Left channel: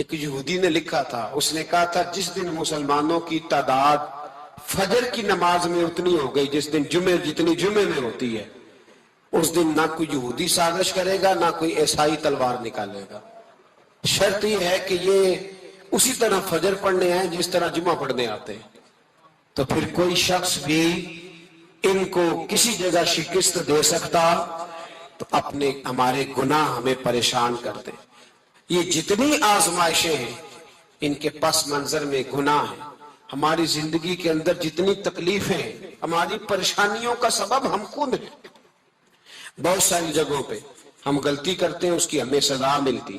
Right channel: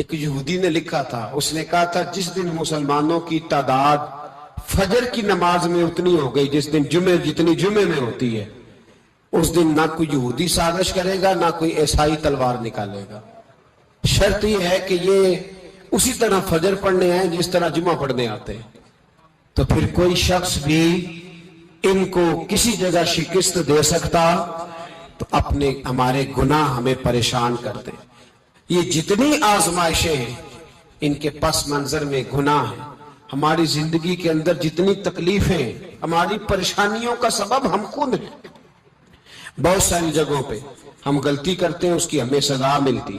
ایک یہودی نے لکھا تھا، اس نے کہا تھا جس دن مسلمانوں کی تعداد فجر کی نماز میں اتنی ہو گئی جس دن جتنی جمعے میں ہوتی ہے، اس دن نہ کوئی یہودی سازش کرے گا نہ کوئی عیسائی تلوار نکالے گا۔ شرط یہ ہے کہ یہ اسی طرح فجر پڑھنے ہیں جس طرح جمعہ پڑھنے آتے ہیں، تو پھر کوئی شخص بھی ان کو کسی جگہ شکست دے سکتا تو ہمارے گناہ ہمیں پریشان کرتے۔ یہ جتنی آزمائشیں ہیں ان کے پس منظر میں گناہ ہیں۔ ہماری زندگی کے اندر جتنی تکلیفیں، ہماری پریشانیوں کا سبب ہم خود ہیں۔ بہت ساری جگہوں پہ ہم غلطی کرتے ہیں، اس کی ہمیں سزا ملتی،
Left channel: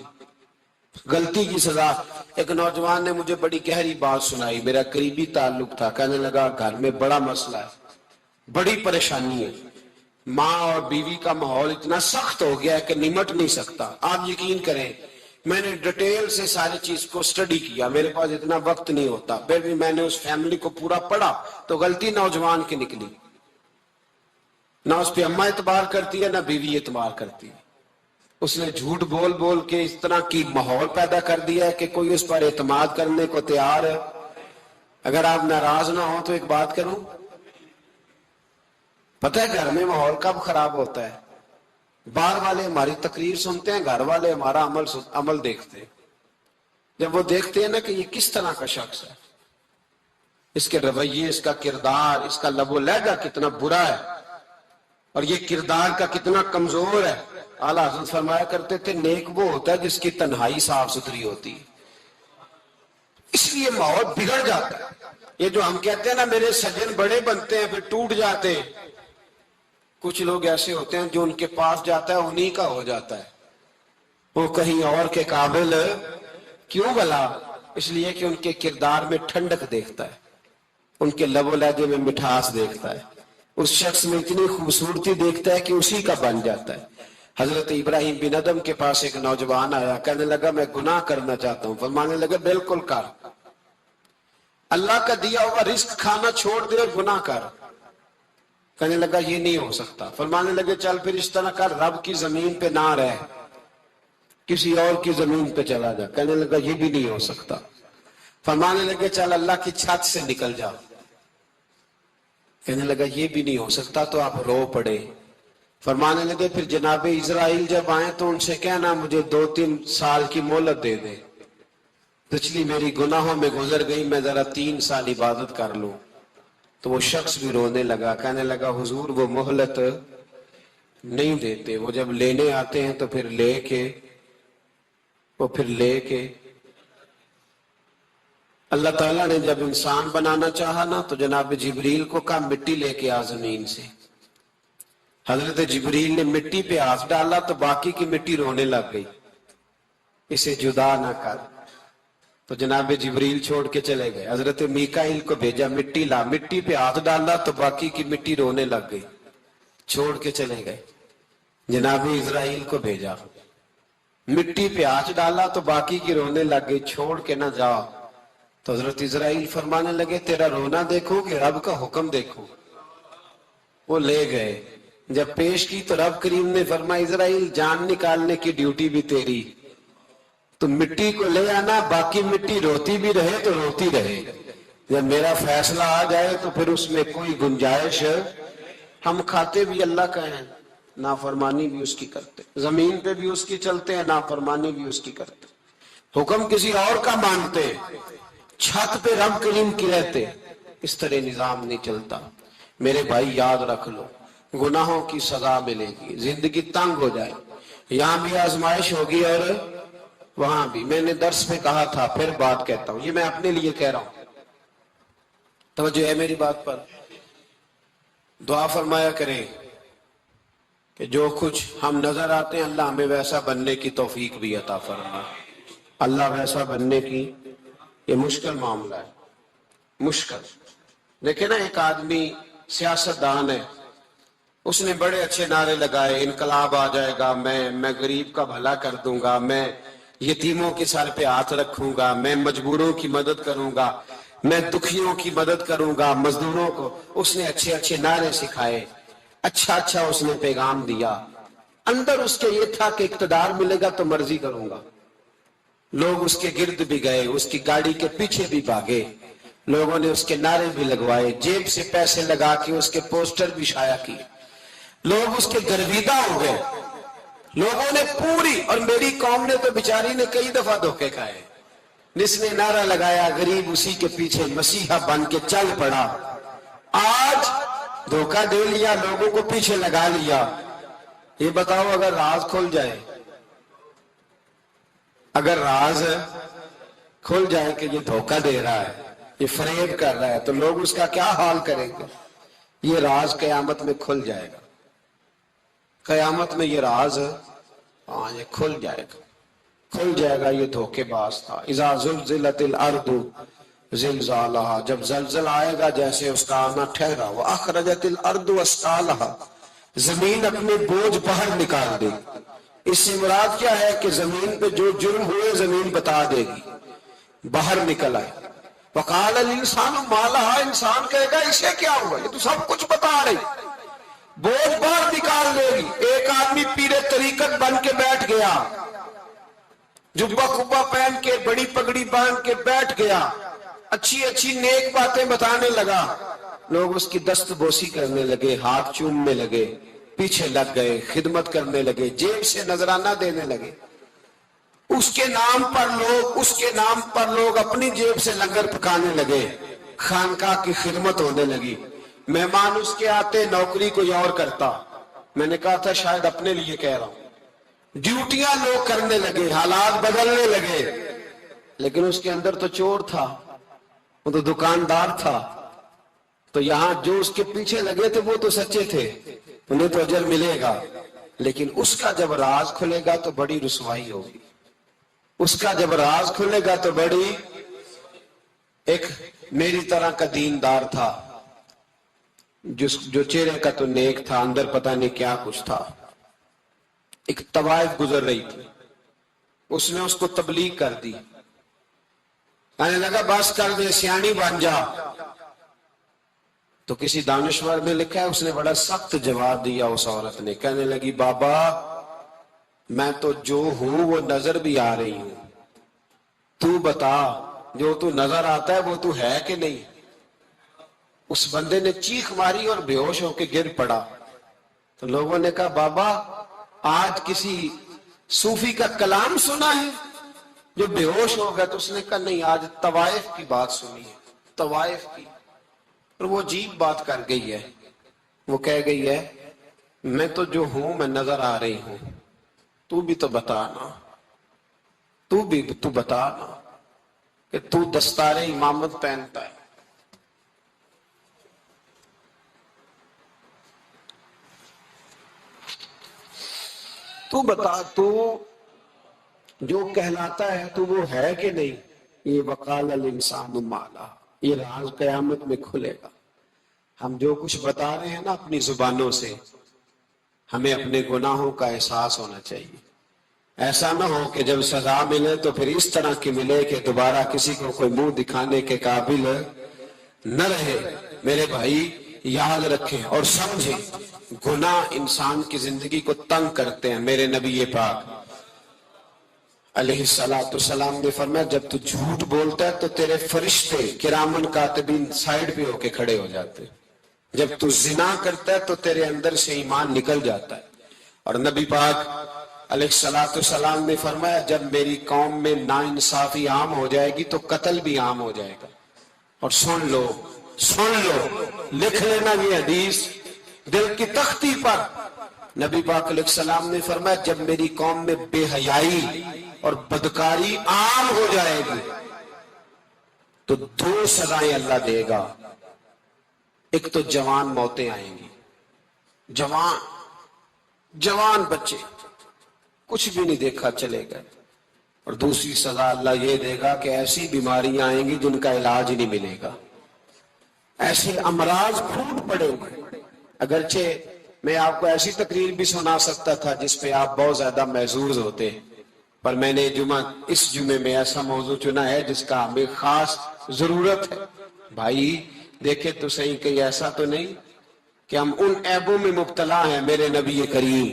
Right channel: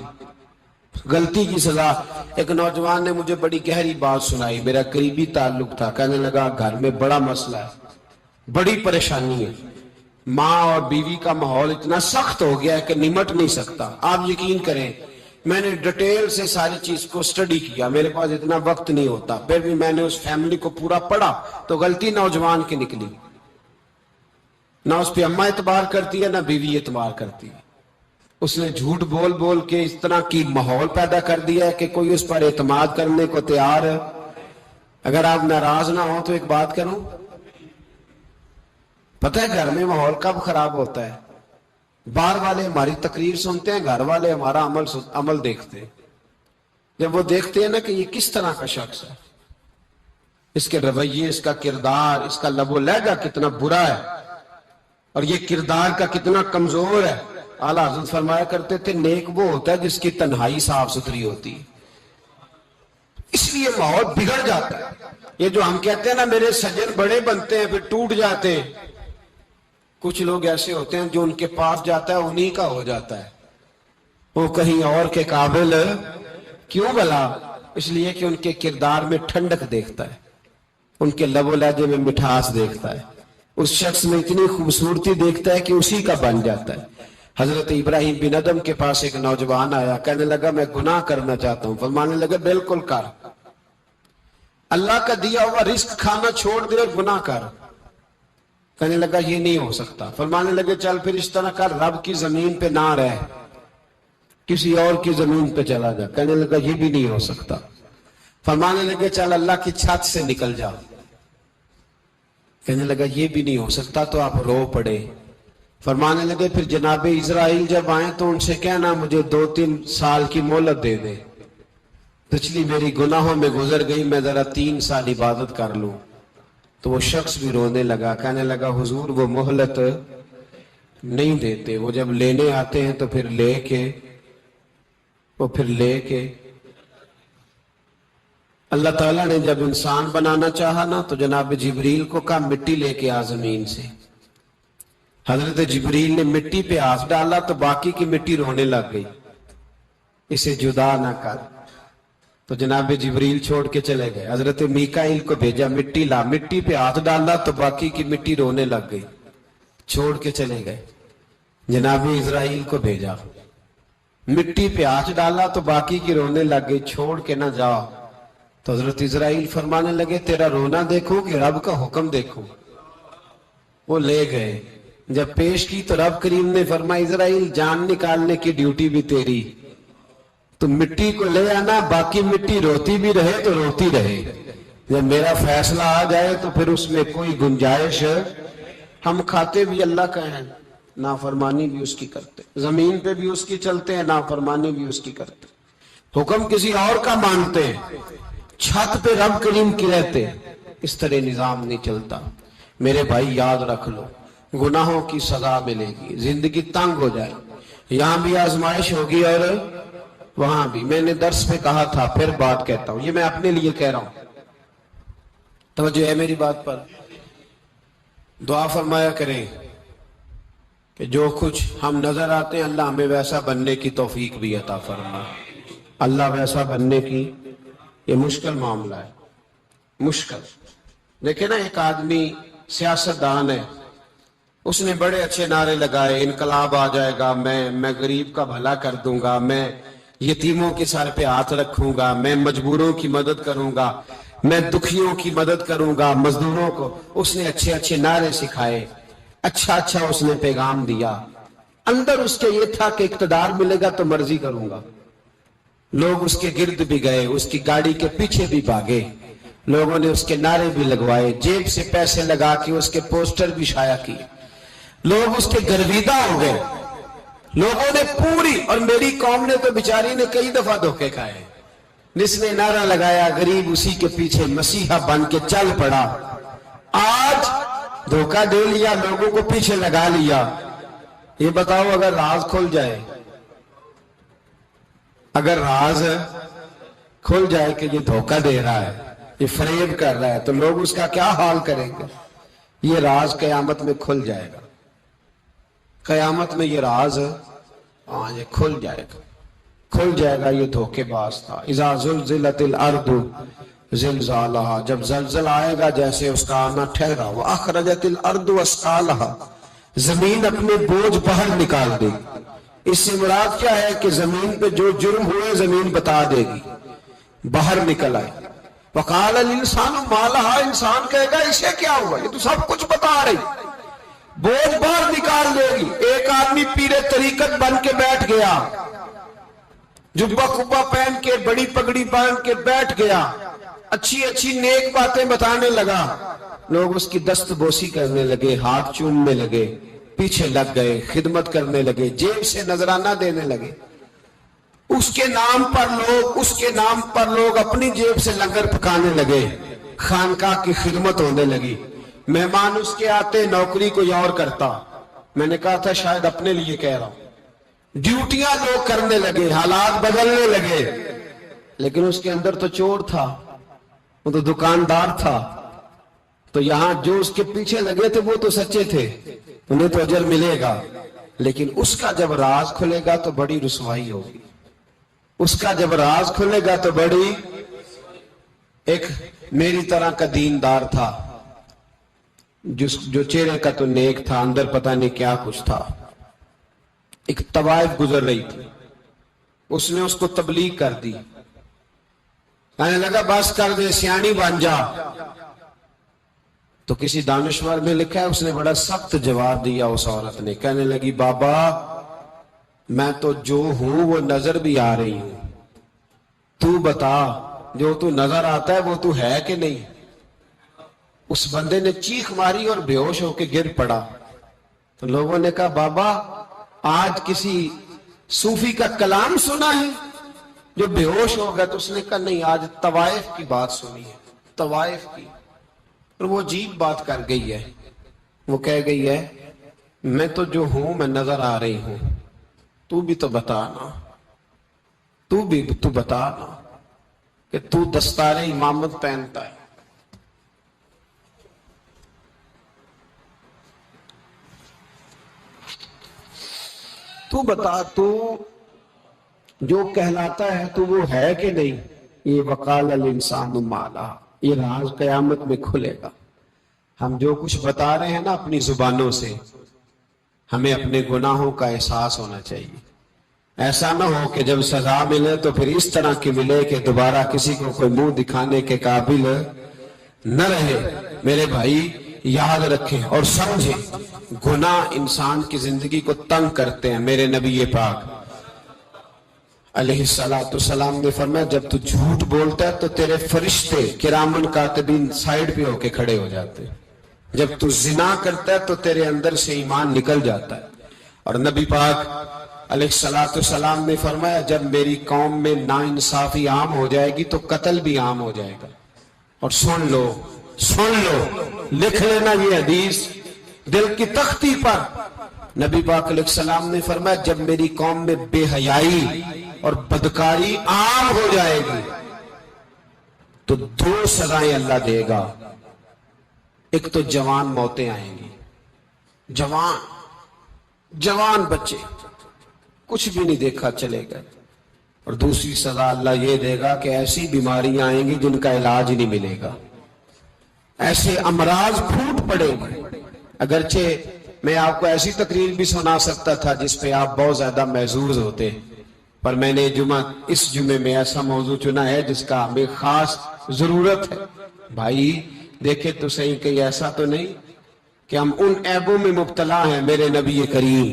غلطی کی سزا۔ ایک نوجوان نے مجھے بڑی گہری بات سنائی، میرا قریبی تعلق تھا، کہنے لگا گھر میں بڑا مسئلہ ہے، بڑی پریشانی ہے، ماں اور بیوی کا ماحول اتنا سخت ہو گیا ہے کہ نمٹ نہیں سکتا۔ آپ یقین کریں میں نے ڈیٹیل سے ساری چیز کو سٹڈی کیا، میرے پاس اتنا وقت نہیں ہوتا، پھر بھی میں نے اس فیملی کو پورا پڑھا تو غلطی نوجوان کی نکلی۔ نہ اس پہ اماں اعتبار کرتی ہے نہ بیوی اعتبار کرتی ہے۔ اس نے جھوٹ بول بول کے اس طرح کی ماحول پیدا کر دیا ہے کہ کوئی اس پر اعتماد کرنے کو تیار ہے۔ اگر آپ ناراض نہ ہوں تو ایک بات کروں، پتہ ہے گھر میں ماحول کب خراب ہوتا ہے؟ باہر والے ہماری تقریر سنتے ہیں، گھر والے ہمارا عمل دیکھتے ہیں۔ جب وہ دیکھتے ہیں نا کہ یہ کس طرح کا شخص ہے، اس کے رویے، اس کا کردار، اس کا لب و لہجہ کتنا برا ہے اور یہ کردار کا کتنا کمزور ہے۔ اعلیٰ حضرت فرمایا کرتے تھے نیک وہ ہوتا ہے جس کی تنہائی صاف ستھری ہوتی ہے، اس لیے ماحول بگڑ جاتا ہے۔ یہ جو ہم کہتے ہیں نا میرے سجن بڑے بنتے ہیں پھر ٹوٹ جاتے ہیں، کچھ لوگ ایسے ہوتے ہیں جو ان کے پاس جاتا ہے انہی کا ہو جاتا ہے، وہ کہیں اور کے قابل کیوں بھلا؟ اس لیے کہ ان کے کردار میں ٹھنڈک دیکھتا ہے، ان کے لب و لہجے میں مٹھاس دیکھتا ہے، اس شخص میں اتنی خوبصورتی دیکھتا ہے کہ اسی کا بن جاتا ہے۔ حضرت ابراہیم بن ادم کے پاس ایک نوجوان آیا، کہنے لگا میں گناہ کرنا چاہتا ہوں۔ فرمانے لگا بالکل کر، اللہ کا دیا ہوا رزق کھانا چھوڑ دے اور گناہ کر۔ کہنے لگا یہ نہیں ہو سکتا۔ فرمانے لگے چل پھر اس طرح کر، رب کی زمین پہ نہ رہ، کسی اور کی زمین پہ چلا جا۔ کہنے لگا یہ بھی نہیں ہو سکتا۔ فرمانے لگے چل اللہ کی چھت سے نکل جا۔ کہنے لگا یہ بھی نہیں ہو سکتا، تو آپ رو پڑے۔ فرمانے لگے پھر جناب اسرائیل جب آئیں تو ان سے کہنا مجھے 2-3 سال کی مہلت دے دے، پچھلی میری گناہوں میں گزر گئی، میں ذرا 3 سال عبادت کر لوں۔ تو وہ شخص بھی رونے لگا، کہنے لگا حضور وہ مہلت نہیں دیتے، وہ جب لینے آتے ہیں تو پھر لے کے اللہ تعالیٰ نے جب انسان بنانا چاہا نا تو جناب جبریل کو کہا مٹی لے کے آ زمین سے۔ حضرت جبریل نے مٹی پہ ہاتھ ڈالا تو باقی کی مٹی رونے لگ گئی، اسے جدا نہ کر۔ تو جناب جبریل چھوڑ کے چلے گئے، حضرت میکائیل کو بھیجا مٹی لا، مٹی پہ ہاتھ ڈالا تو باقی کی مٹی رونے لگ گئی، چھوڑ کے چلے گئے۔ جناب اسرائیل کو بھیجا، مٹی پہ ہاتھ ڈالا تو باقی کی رونے لگ گئی، چھوڑ کے نہ جا۔ تو حضرت اسرائیل فرمانے لگے تیرا رونا دیکھو کہ رب کا حکم دیکھو۔ وہ لے گئے، جب پیش کی تو رب کریم نے فرمایا اسرائیل جان نکالنے کی ڈیوٹی بھی تیری، تو مٹی کو لے آنا، باقی مٹی روتی بھی رہے تو روتی رہے، جب میرا فیصلہ آ جائے تو پھر اس میں کوئی گنجائش ہے۔ ہم کھاتے بھی اللہ کا ہیں، نافرمانی بھی اس کی کرتے، زمین پہ بھی اس کی چلتے ہیں، نافرمانی بھی اس کی کرتے، حکم کسی اور کا مانتے، چھت پہ رب کریم کی رہتے۔ اس طرح نظام نہیں چلتا۔ میرے بھائی یاد رکھ لو گناہوں کی سزا ملے گی، زندگی تنگ ہو جائے، یہاں بھی آزمائش ہوگی اور وہاں بھی۔ میں نے درس میں کہا تھا، پھر بات کہتا ہوں، یہ میں اپنے لیے کہہ رہا ہوں، توجہ ہے میری بات پر۔ دعا فرمایا کریں کہ جو کچھ ہم نظر آتے ہیں اللہ ہمیں ویسا بننے کی توفیق بھی عطا فرمائے۔ اللہ ویسا بننے کی، یہ مشکل معاملہ ہے، مشکل۔ دیکھیں نا ایک آدمی سیاستدان ہے، اس نے بڑے اچھے نعرے لگائے، انقلاب آ جائے گا، میں غریب کا بھلا کر دوں گا، میں یتیموں کے سر پہ ہاتھ رکھوں گا، میں مجبوروں کی مدد کروں گا، میں دکھیوں کی مدد کروں گا، مزدوروں کو۔ اس نے اچھے اچھے نعرے سکھائے، اچھا اس نے پیغام دیا، اندر اس کے یہ تھا کہ اقتدار ملے گا تو مرضی کروں گا۔ لوگ اس کے گرد بھی گئے، اس کی گاڑی کے پیچھے بھی بھاگے، لوگوں نے اس کے نعرے بھی لگوائے، جیب سے پیسے لگا کے اس کے پوسٹر بھی شائع کیے، لوگ اس کے گرویدہ ہو گئے، لوگوں نے پوری، اور میری قوم نے تو بیچاری نے کئی دفعہ دھوکے کھائے، جس نے نعرہ لگایا غریب اسی کے پیچھے مسیحا بن کے چل پڑا۔ آج دھوکہ دے لیا، لوگوں کو پیچھے لگا لیا۔ یہ بتاؤ اگر راز کھل جائے، اگر راز کھل جائے کہ یہ دھوکہ دے رہا ہے، یہ فریب کر رہا ہے، تو لوگ اس کا کیا حال کریں گے؟ یہ راز قیامت میں کھل جائے گا، قیامت میں یہ راز یہ کھل جائے گا، کھل جائے گا یہ دھوکے باز تھا۔ اذا زلزلت الارض زلزالہا، جب زلزلہ آئے گا جیسے اس کا آنا ٹھہرا، واخرجت الارض اثقالہا، زمین اپنے بوجھ باہر نکال دے گی۔ اس سے مراد کیا ہے کہ زمین پہ جو جرم ہوئے زمین بتا دے گی، باہر نکل آئے۔ وقال الانسان ما لہا، انسان کہے گا اسے کیا ہوا، یہ تو سب کچھ بتا رہی، بوجھ باہر نکال دے گی۔ ایک آدمی پیر طریقت بن کے بیٹھ گیا، جبہ کبہ پہن کے، بڑی پگڑی پہن کے بیٹھ گیا، اچھی اچھی نیک باتیں بتانے لگا، لوگ اس کی دست بوسی کرنے لگے، ہاتھ چومنے لگے، پیچھے لگ گئے، خدمت کرنے لگے، جیب سے نذرانہ دینے لگے۔ اس کے نام پر لوگ اپنی جیب سے لنگر پکانے لگے، خانقاہ کی خدمت ہونے لگی، مہمان اس کے آتے، نوکری کوئی اور کرتا۔ میں نے کہا تھا شاید اپنے لیے کہہ رہا ہوں، ڈیوٹیاں لوگ کرنے لگے، حالات بدلنے لگے، لیکن اس کے اندر تو چور تھا، وہ تو دکاندار تھا، تو یہاں جو اس کے پیچھے لگے تھے وہ تو سچے تھے، انہیں تو اجر ملے گا، لیکن اس کا جب راز کھلے گا تو بڑی رسوائی ہوگی، اس کا جب راز کھلے گا تو بڑی۔ ایک میری طرح کا دیندار تھا، جو چہرے کا تو نیک تھا، اندر پتہ نہیں کیا کچھ تھا۔ ایک طوائف گزر رہی تھی، اس نے اس کو تبلیغ کر دی، کہنے لگا بس کر دے، سیانی بن جا۔ تو کسی دانشور نے لکھا ہے اس نے بڑا سخت جواب دیا اس عورت نے، کہنے لگی بابا میں تو جو ہوں وہ نظر بھی آ رہی ہوں، تو بتا جو تو نظر آتا ہے وہ تو ہے کہ نہیں؟ اس بندے نے چیخ ماری اور بے ہوش ہو کے گر پڑا۔ تو لوگوں نے کہا بابا آج کسی صوفی کا کلام سنا ہے جو بے ہوش ہو گیا؟ تو اس نے کہا نہیں، آج طوائف کی بات سنی ہے، طوائف کی۔ اور وہ عجیب بات کر گئی ہے، وہ کہہ گئی ہے میں تو جو ہوں میں نظر آ رہی ہوں، تو بھی تو بتانا، تو بتانا کہ تو دستار امامت پہنتا ہے۔ تو بتا تو جو کہلاتا ہے تو وہ ہے کہ نہیں؟ یہ وقال الانسان ما لہا، یہ راز قیامت میں کھلے گا۔ ہم جو کچھ بتا رہے ہیں نا اپنی زبانوں سے، ہمیں اپنے گناہوں کا احساس ہونا چاہیے۔ ایسا نہ ہو کہ جب سزا ملے تو پھر اس طرح کی ملے کہ دوبارہ کسی کو کوئی منہ دکھانے کے قابل نہ رہے۔ میرے بھائی یاد رکھیں اور سمجھیں، گناہ انسان کی زندگی کو تنگ کرتے ہیں۔ میرے نبی پاک علیہ السلام نے فرمایا جب تو جھوٹ بولتا ہے تو تیرے فرشتے کرامن کاتبین سائیڈ پہ ہو کے کھڑے ہو جاتے ہیں، جب تو زنا کرتا ہے تو تیرے اندر سے ایمان نکل جاتا ہے۔ اور نبی پاک علیہ السلام نے فرمایا جب میری قوم میں ناانصافی عام ہو جائے گی تو قتل بھی عام ہو جائے گا۔ اور سن لو لکھ لینا یہ حدیث دل کی تختی پر، نبی پاک علیہ السلام نے فرمایا جب میری قوم میں بے حیائی اور بدکاری عام ہو جائے گی تو 2 سزائیں اللہ دے گا۔ ایک تو جوان موتیں آئیں گی، جوان بچے کچھ بھی نہیں دیکھا چلے گئے، اور دوسری سزا اللہ یہ دے گا کہ ایسی بیماریاں آئیں گی جن کا علاج نہیں ملے گا، ایسے امراض پھوٹ پڑیں گے۔ اگرچہ میں آپ کو ایسی تقریر بھی سنا سکتا تھا جس پہ آپ بہت زیادہ محظوظ ہوتے، پر میں نے اس جمعے میں ایسا موضوع چنا ہے جس کا ہمیں خاص ضرورت ہے۔ بھائی دیکھیں تو صحیح کہیں ایسا تو نہیں کہ ہم ان عیبوں میں مبتلا ہیں۔ میرے نبی کریم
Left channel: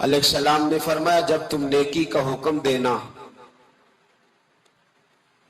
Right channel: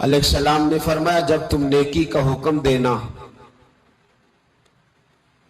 علیہ السلام نے فرمایا جب تم نیکی کا حکم دینا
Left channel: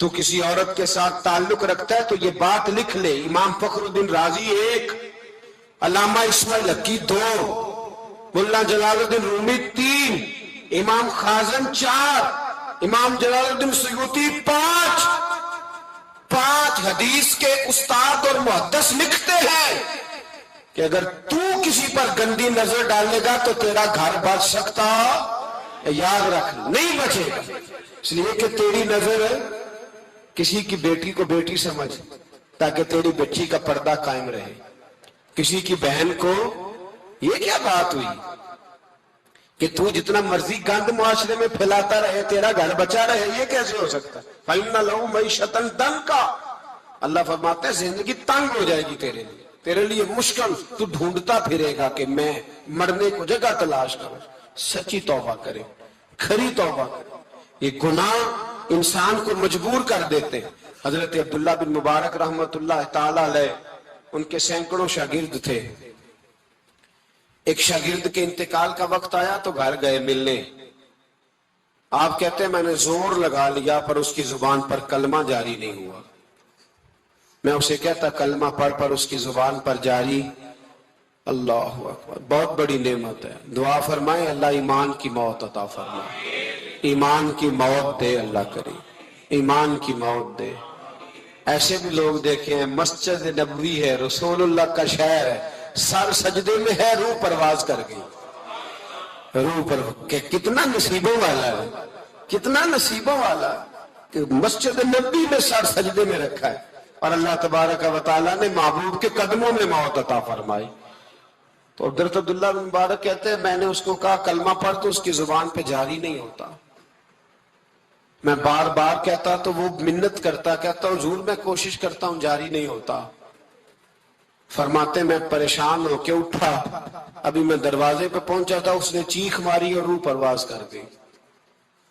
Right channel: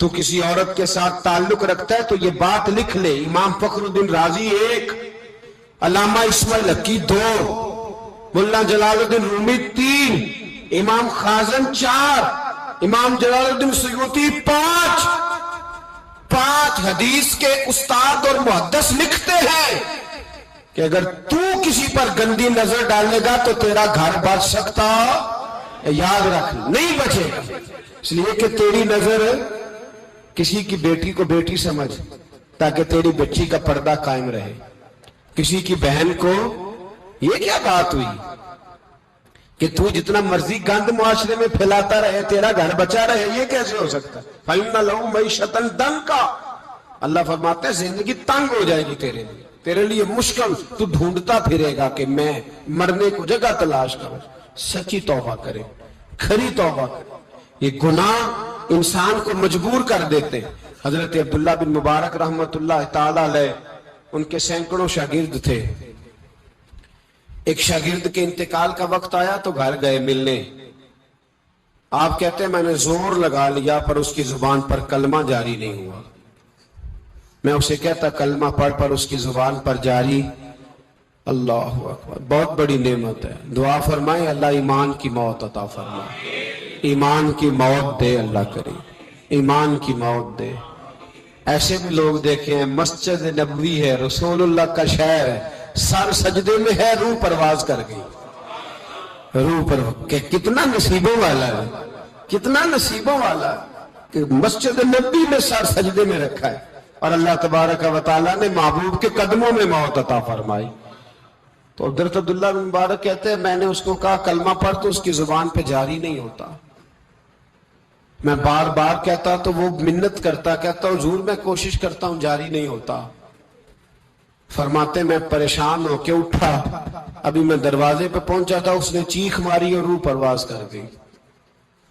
تو کسی عورت کے ساتھ تعلق رکھتا ہے تو یہ بات لکھ لے، امام فخر الدین رازی 1، علامہ اسماعیل لکی 2، ملا جلال الدین رومی 3، امام خازن 4، امام جلال الدین سیوطی 5 حدیث کے استاد اور محدث لکھتے ہیں کہ اگر تو کسی پر گندی نظر ڈالے گا تو تیرا گھر بچ سکتا، یاد رکھ نہیں بچے گا، اس لیے کہ تیری نظر کسی کی بیٹی کو بیٹی سمجھ تاکہ تیری بچی کا پردہ قائم رہے، کسی کی بہن کو، یہ کیا بات ہوئی کہ تو جتنا مرضی گند معاشرے میں پھیلاتا رہے تیرا گھر بچا رہے، یہ کیسے ہو سکتا؟ فَإِنَّ لَهُ مَعِيشَةً ضَنْكَ، اللہ فرماتے ہیں زندگی تنگ ہو جائے گی تیرے لیے مشکل، تو ڈھونڈتا پھرے گا کہ میں مرنے کو جگہ تلاش کروں۔ سچی توبہ کرے، کھری توبہ کرے، یہ گناہ انسان کو مجبور کر دیتے ہیں۔ حضرت عبداللہ بن مبارک رحمت اللہ تعالی علیہ، ان کے سینکڑوں شاگرد تھے، ایک شاگرد کے انتقال کا وقت آیا تو گھر گئے ملنے، آپ کہتے ہیں میں نے زور لگا لیا پر اس کی زبان پر کلمہ جاری نہیں ہوا، میں اسے کہتا کلمہ پڑھ پر اس کی زبان پر جاری، اللہ اکبر، بہت بڑی نعمت ہے، دعا فرمائیں اللہ ایمان کی موت عطا فرمائے، ایمان کی موت دے اللہ کرے، ایمان کی موت دے۔ ایسے بھی لوگ دیکھیں ہیں، مسجد نبوی ہے، رسول اللہ کا شہر ہے، سر سجدے میں ہے، روح پرواز کر گئی، روح پر کہ کتنا نصیبوں والا ہے، کتنا نصیبوں والا ہے کہ مسجد نبوی میں سر سجدے میں رکھا ہے اور اللہ تبارک و تعالیٰ نے محبوب کے قدموں میں موت عطا فرمائی۔ تو حضرت عبداللہ بن مبارک کہتے ہیں میں نے اس کو کہا کلمہ پڑھ تو اس کی زبان پہ جاری نہیں ہوتا، میں بار بار کہتا تو وہ منت کرتا، کہتا حضور میں کوشش کرتا ہوں جاری نہیں ہوتا۔ فرماتے میں پریشان ہو کے اٹھا، ابھی میں دروازے پہ پہنچا تھا، اس نے چیخ ماری اور روح پرواز کر گئی،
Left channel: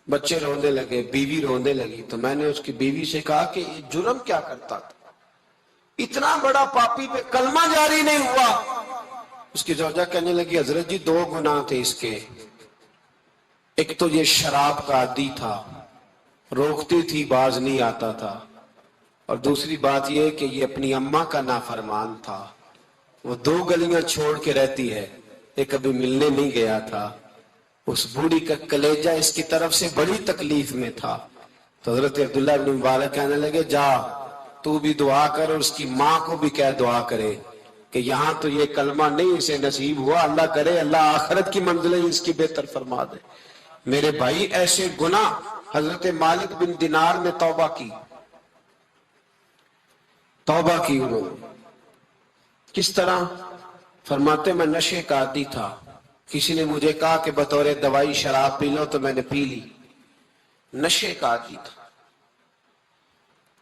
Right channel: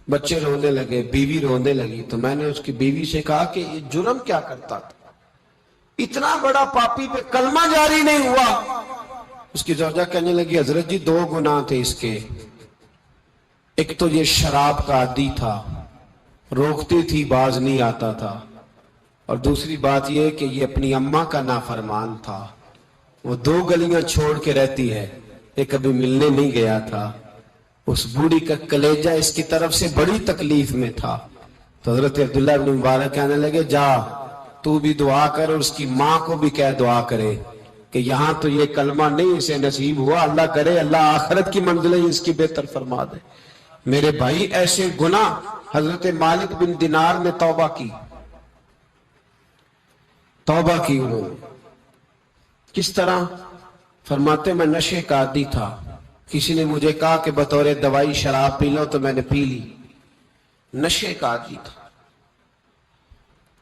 بچے رونے لگے، بیوی رونے لگی، تو میں نے اس کی بیوی سے کہا کہ یہ جرم کیا کرتا تھا، اتنا بڑا پاپی پہ کلمہ جاری نہیں ہوا۔ اس کی زوجہ کہنے لگی حضرت جی 2 گناہ تھے اس کے، ایک تو یہ شراب کا عادی تھا، روکتی تھی باز نہیں آتا تھا، اور دوسری بات یہ کہ یہ اپنی اماں کا نافرمان تھا، وہ 2 گلیاں چھوڑ کے رہتی ہے، یہ کبھی ملنے نہیں گیا تھا، اس بوڑھی کا کلیجہ اس کی طرف سے بڑی تکلیف میں تھا۔ تو حضرت عبداللہ بن مبارک کہنے لگے جا تو بھی دعا کر اور اس کی ماں کو بھی کہہ دعا کرے کہ یہاں تو یہ کلمہ نہیں اسے نصیب ہوا، اللہ کرے اللہ آخرت کی منزلیں اس کی بہتر فرما دے۔ میرے بھائی ایسے گناہ، حضرت مالک بن دینار نے توبہ کی انہوں نے، کس طرح؟ فرماتے میں نشے کا عادی تھا، کسی نے مجھے کہا کہ بطور دوائی شراب پی لو تو میں نے پی لی، نشے کا عادی تھا،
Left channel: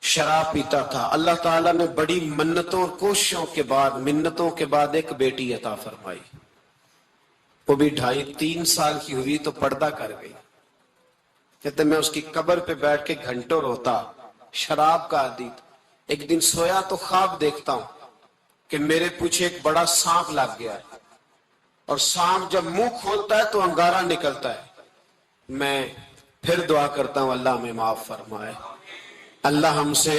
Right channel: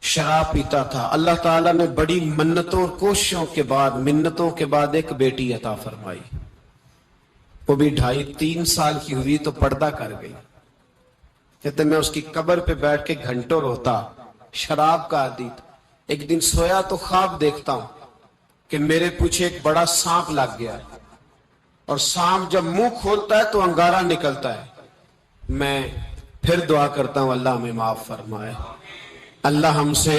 شراب پیتا تھا۔ اللہ تعالیٰ نے بڑی منتوں اور کوششوں کے بعد، منتوں کے بعد ایک بیٹی عطا فرمائی، وہ بھی 2.5-3 سال کی ہوئی تو پردہ کر گئی۔ کہتے میں اس کی قبر پہ بیٹھ کے گھنٹوں روتا، شراب کا عادی تھا۔ ایک دن سویا تو خواب دیکھتا ہوں کہ میرے پیچھے ایک بڑا سانپ لگ گیا ہے، اور سانپ جب منہ کھولتا ہے تو انگارہ نکلتا ہے، میں پھر دعا کرتا ہوں اللہ ہمیں معاف فرمائے، اللہ ہم سے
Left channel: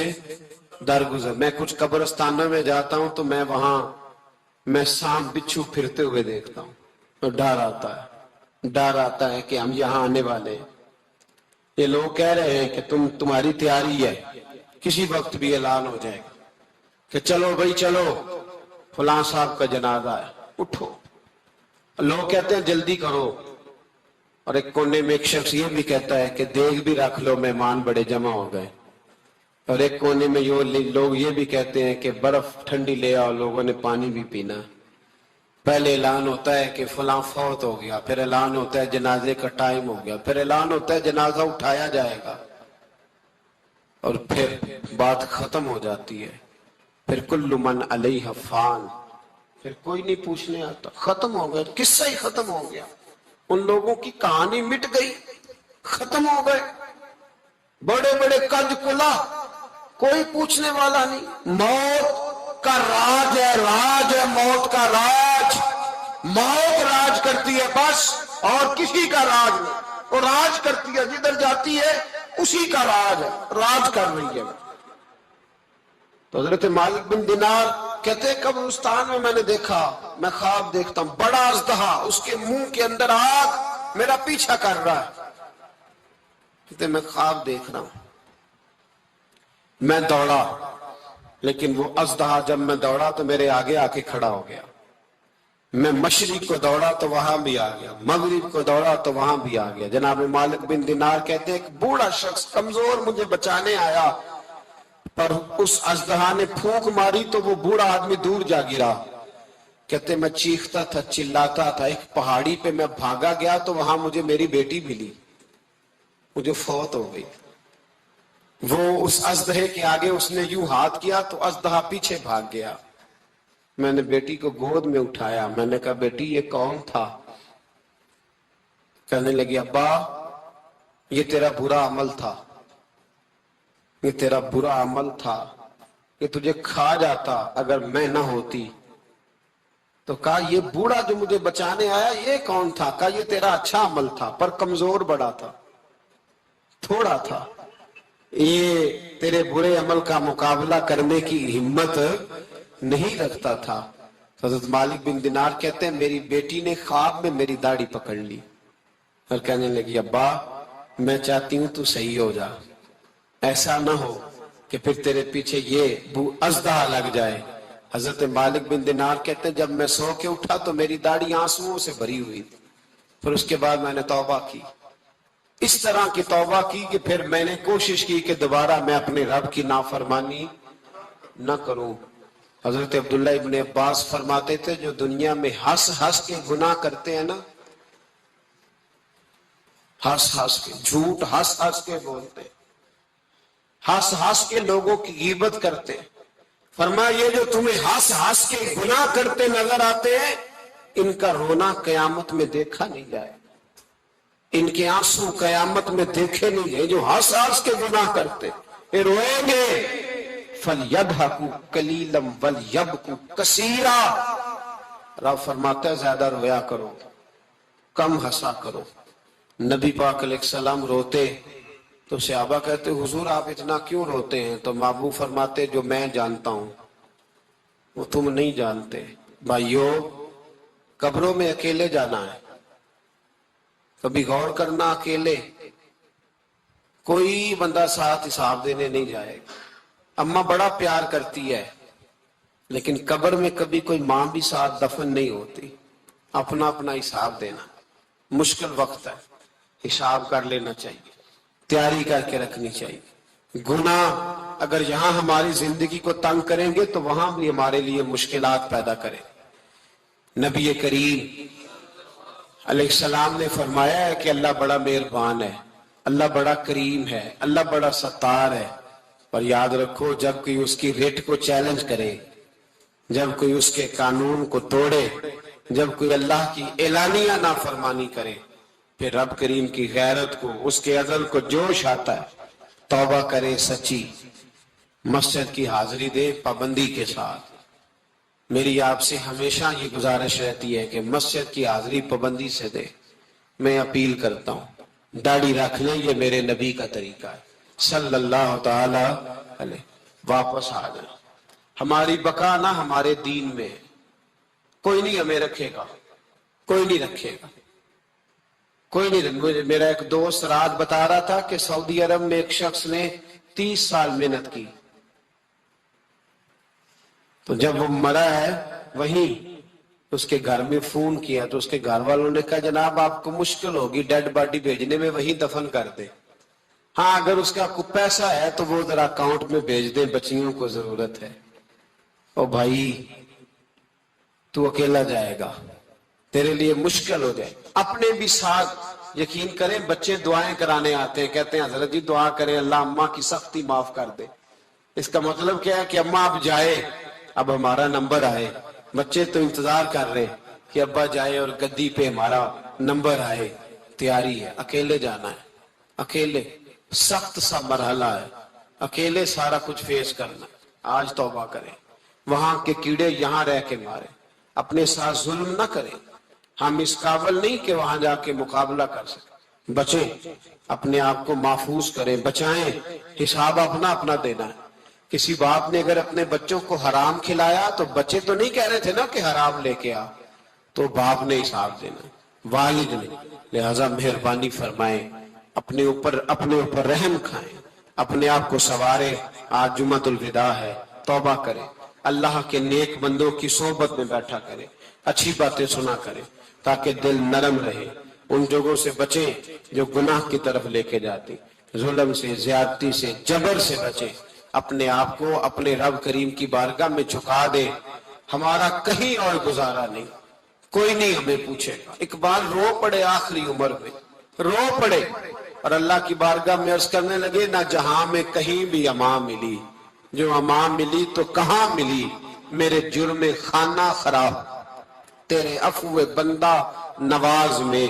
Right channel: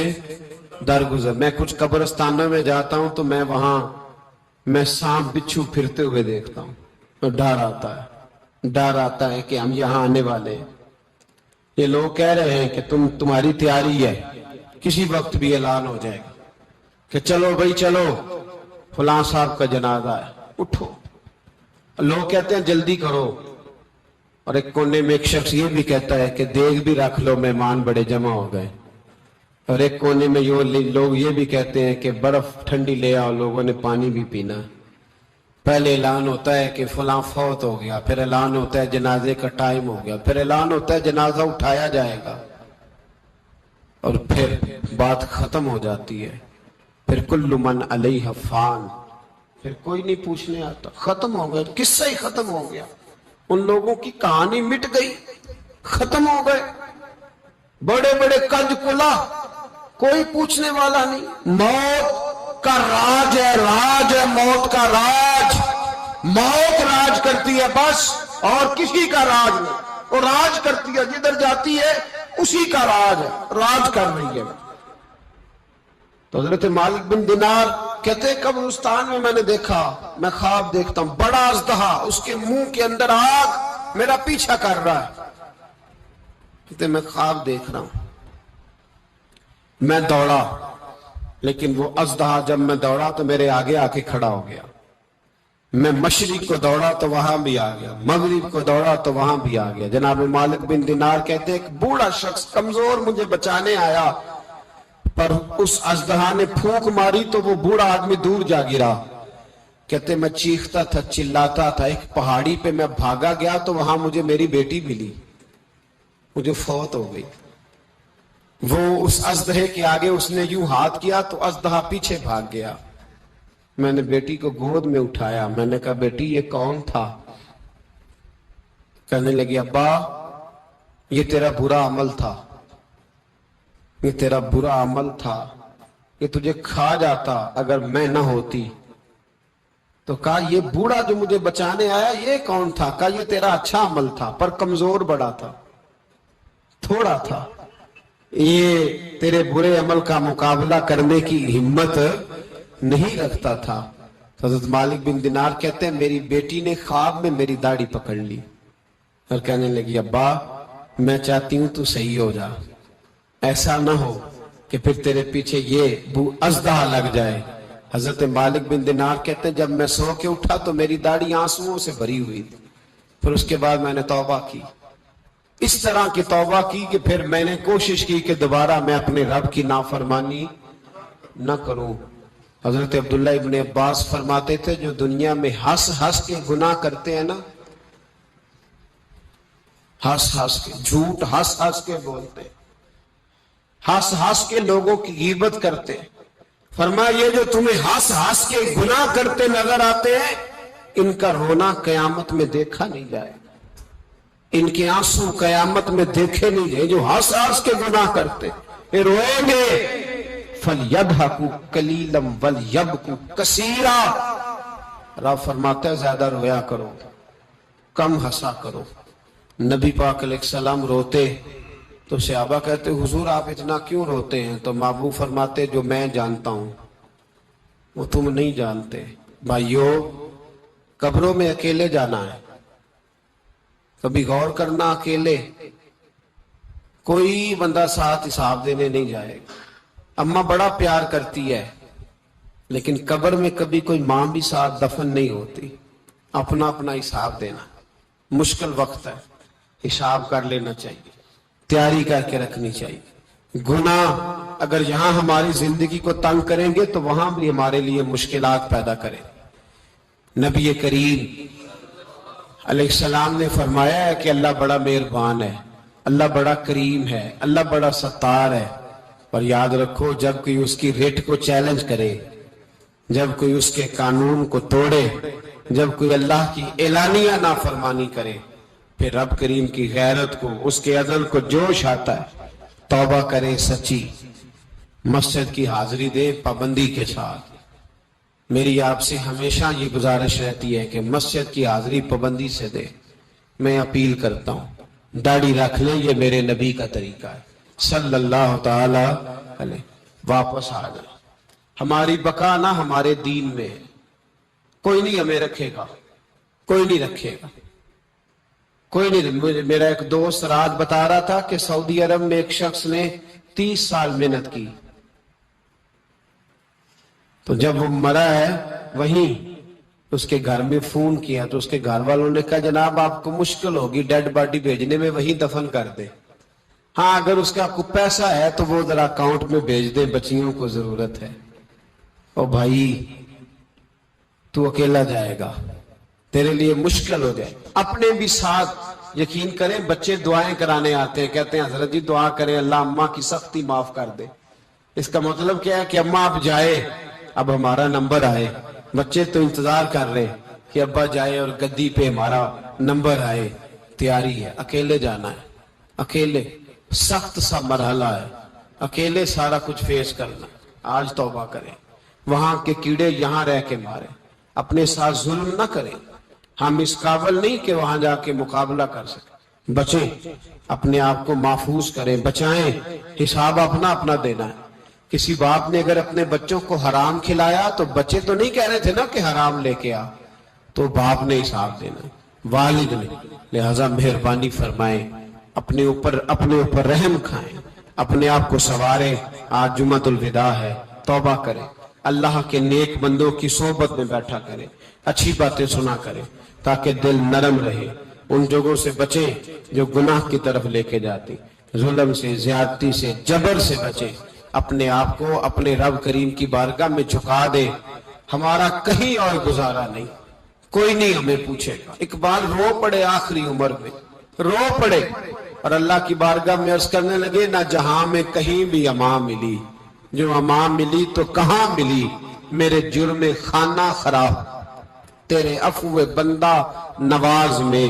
درگزر۔ میں کچھ قبرستانوں میں جاتا ہوں تو میں وہاں سانپ بچھو پھرتے ہوئے دیکھتا ہوں، تو ڈر آتا ہے کہ ہم یہاں آنے والے ہیں، یہ لوگ کہہ رہے ہیں کہ تمہاری تیاری ہے، کسی وقت بھی اعلان ہو جائے گا کہ چلو بھائی چلو فلاں صاحب کا جنازہ ہے، اٹھو، لوگ کہتے ہیں جلدی کرو، اور ایک کونے میں ایک شخص یہ بھی کہتا ہے کہ دیگ بھی رکھ لو مہمان بڑے جمع ہو گئے، اور ایک کونے میں لوگ یہ بھی کہتے ہیں کہ برف ٹھنڈی لے آؤ، لوگوں نے پانی بھی پینا۔ پہلے اعلان ہوتا ہے کہ فلاں فوت ہو گیا، پھر اعلان ہوتا ہے جنازے کا ٹائم ہو گیا، پھر اعلان ہوتا ہے جنازہ اٹھایا جائے گا، اور پھر بات ختم ہو جاتی ہے، پھر کل من علیہ فان، پھر کوئی نہیں پوچھنے آتا، ختم ہو گیا، قصہ ہی ختم ہو گیا، ان لوگوں کی کہانی مٹ گئی، ختم ہو گئے، بڑے بڑے قد کلا، کوئی پوچھنے والا نہیں۔ موت کا راج ہے موت کا راج، موت راج کرتی ہے بس، اور کسی کا راج نہیں، وہ راج کرتی ہے، جدھر جاتی ہے اسی کا راج کر رہی ہے. تو حضرت مالک بن دینار کہتے ہیں قبرستان میں میں نے دیکھا، میں خواب دیکھتا ہوں، بڑا اژدہا، اس کے منہ کے اندر آگ، میرا پیچھا کر رہا ہے. کہتے میں خواب دیکھ رہا ہوں. میں دوڑا، لیکن وہ اژدہا جب میں دوڑا تو میرے آگے آ کے کھڑا ہو گیا. میں مشرق کو دوڑا تو وہاں بھی آ گیا، مغرب کو دوڑا تو وہاں بھی آ گیا. جناب مالک بن دینار کہتے ہیں ایک بوڑھا شخص کمزور مجھے بچانے آیا، پر اس اژدہا نے پھونک ماری تو وہ بوڑھا آدمی دور جا گرا. کہتے میں چیختا تھا، چلاتا تھا، ایک پہاڑی پہ میں بھاگا گیا تو وہاں مجھے میری بیٹی ملی، مجھے فوت ہو گئی. وہ اس اژدہے کے آگے اس نے یوں ہاتھ کیا تو اژدہا پیچھے بھاگ گیا. میں نے بیٹی کو گود میں اٹھایا، میں نے کہا بیٹی یہ کون تھا؟ کہنے لگی ابا یہ تیرا برا عمل تھا، یہ تیرا برا عمل تھا، یہ تجھے کھا جاتا اگر میں نہ ہوتی. تو کہا یہ بوڑھا جو مجھے بچانے آیا یہ کون تھا؟ کہا یہ تیرا اچھا عمل تھا پر کمزور بڑا تھا، تھوڑا تھا، یہ تیرے برے عمل کا مقابلہ کرنے کی ہمت نہیں رکھتا تھا. حضرت مالک بن دینار کہتے ہیں میری بیٹی نے خواب میں میری داڑھی پکڑ لی اور کہنے لگی ابا میں چاہتی ہوں تو صحیح ہو جا، ایسا نہ ہو کہ پھر تیرے پیچھے یہ اژدہا لگ جائے. حضرت مالک بن دینار کہتے ہیں جب میں سو کے اٹھا تو میری داڑھی آنسوؤں سے بھری ہوئی تھی. پھر اس کے بعد میں نے توبہ کی، اس طرح کی توبہ کی کہ پھر میں نے کوشش کی کہ دوبارہ میں اپنے رب کی نافرمانی نہ کروں. حضرت عبداللہ ابن عباس فرماتے تھے جو دنیا میں ہنس ہنس کے گناہ کرتے ہیں نا، ہنس ہنس کے جھوٹ ہنس ہنس کے بولتے، ہنس ہنس کے لوگوں کی غیبت کرتے، فرمایا یہ جو تمہیں ہنس ہنس کے گناہ کرتے نظر آتے ہیں ان کا رونا قیامت میں دیکھا نہیں جائے، ان کے آنسو قیامت میں دیکھے نہیں جائے. جو ہنس ہنس کے گناہ کرتے پھر روئیں گے فَلْيَضْحَكُوا قَلِيلًا وَلْيَبْكُوا كَثِيرًا. رب فرماتا ہے زیادہ رویا کرو، کم ہنسا کرو. نبی پاک علیہ السلام روتے تو صحابہ کہتے حضور آپ اتنا کیوں روتے ہیں؟ تو محبوب فرماتے جو میں جانتا ہوں وہ تم نہیں جانتے. بھائیو قبروں میں اکیلے جانا ہے، کبھی غور کرنا، اکیلے کوئی بندہ ساتھ حساب دینے نہیں جائے گا. اماں بڑا پیار کرتی ہے لیکن قبر میں کبھی کوئی ماں بھی ساتھ دفن نہیں ہوتی. اپنا اپنا حساب دینا مشکل وقت ہے، حساب کر لینا چاہیے، تیاری کر کے رکھنی چاہیے. گناہ اگر یہاں ہماری زندگی کو تنگ کریں گے تو وہاں بھی ہمارے لیے مشکلات پیدا کریں. نبی کریم علیہ السلام نے فرمایا ہے کہ اللہ بڑا مہربان ہے، اللہ بڑا کریم ہے، اللہ بڑا ستار ہے. اور یاد رکھو جب کوئی اس کی ریٹ کو چیلنج کرے، جب کوئی اس کے قانون کو توڑے، جب کوئی اللہ کی اعلانیہ نافرمانی کرے، پھر رب کریم کی غیرت کو، اس کے عدل کو جوش آتا ہے. توبہ کرے سچی، مسجد کی حاضری دے پابندی کے ساتھ. میری آپ سے ہمیشہ یہ گزارش رہتی ہے کہ مسجد کی حاضری پابندی سے دے. میں اپیل کرتا ہوں داڑھی رکھ لیں، یہ میرے نبی کا طریقہ ہے صلی اللہ تعالی علیہ. واپس آ جائے. ہماری بقا نہ ہمارے دین میں، کوئی نہیں ہمیں رکھے گا، کوئی نہیں رکھے گا، کوئی نہیں. میرا ایک دوست رات بتا رہا تھا کہ سعودی عرب میں ایک شخص نے 30 سال محنت کی، تو جب وہ مرا ہے وہیں اس کے گھر میں فون کیا تو اس کے گھر والوں نے کہا جناب آپ کو مشکل ہوگی ڈیڈ باڈی بھیجنے میں، وہیں دفن کر دے. ہاں اگر اس کا کوئی پیسہ ہے تو وہ ذرا اکاؤنٹ میں بھیج دے، بچیوں کو ضرورت ہے. او بھائی تو اکیلا جائے گا، تیرے لیے مشکل ہو جائے. اپنے بھی ساتھ یقین کریں بچے دعائیں کرانے آتے ہیں، کہتے ہیں حضرت جی دعا کریں اللہ اماں کی سختی معاف کر دے. اس کا مطلب کیا ہے کہ اماں اب جائے، اب ہمارا نمبر آئے. بچے تو انتظار کر رہے ہیں کہ ابا جائے اور گدی پہ ہمارا نمبر آئے. تیاری ہے، اکیلے جانا ہے، اکیلے سخت سا مرحلہ ہے، اکیلے سارا کچھ فیس کرنا. آج توبہ کریں، وہاں کے کیڑے یہاں رہ کے مارے. اپنے ساتھ ظلم نہ کریں. ہم اس قابل نہیں کہ وہاں جا کے مقابلہ کر سکیں. بچیں، اپنے آپ کو محفوظ کریں، بچائیں، حساب اپنا اپنا دینا ہے۔ کسی باپ نے اگر اپنے بچوں کو حرام کھلایا تو بچے تو نہیں کہہ رہے تھے نا کہ حرام لے کے آ، تو باپ نے حساب دینا، والد نے۔ لہذا مہربانی فرمائیں، اپنے اوپر رحم کھائیں، اپنے آپ کو سنواریں۔ آج جمعۃ الوداع ہے، توبہ کریں، اللہ کے نیک بندوں کی صحبت میں بیٹھا کریں، اچھی باتیں سنا کریں تاکہ دل نرم رہے۔ ان جگہوں سے بچیں جو گناہ کی طرف لے کے جاتی، ظلم سے، زیادتی سے، جبر سے بچیں۔ اپنے آپ کو اپنے رب کریم کی بارگاہ میں جھکا دیں۔ ہمارا کہیں اور گزارا نہیں، کوئی نہیں ہمیں پوچھے گا۔ اقبال رو پڑے آخری عمر میں، رو پڑے اور اللہ کی بارگاہ میں عرض کرنے لگے، نہ جہاں میں کہیں بھی امان ملی، جو امان ملی تو کہاں ملی، میرے جرم خانہ خراب، تیرے عفو بندہ نواز میں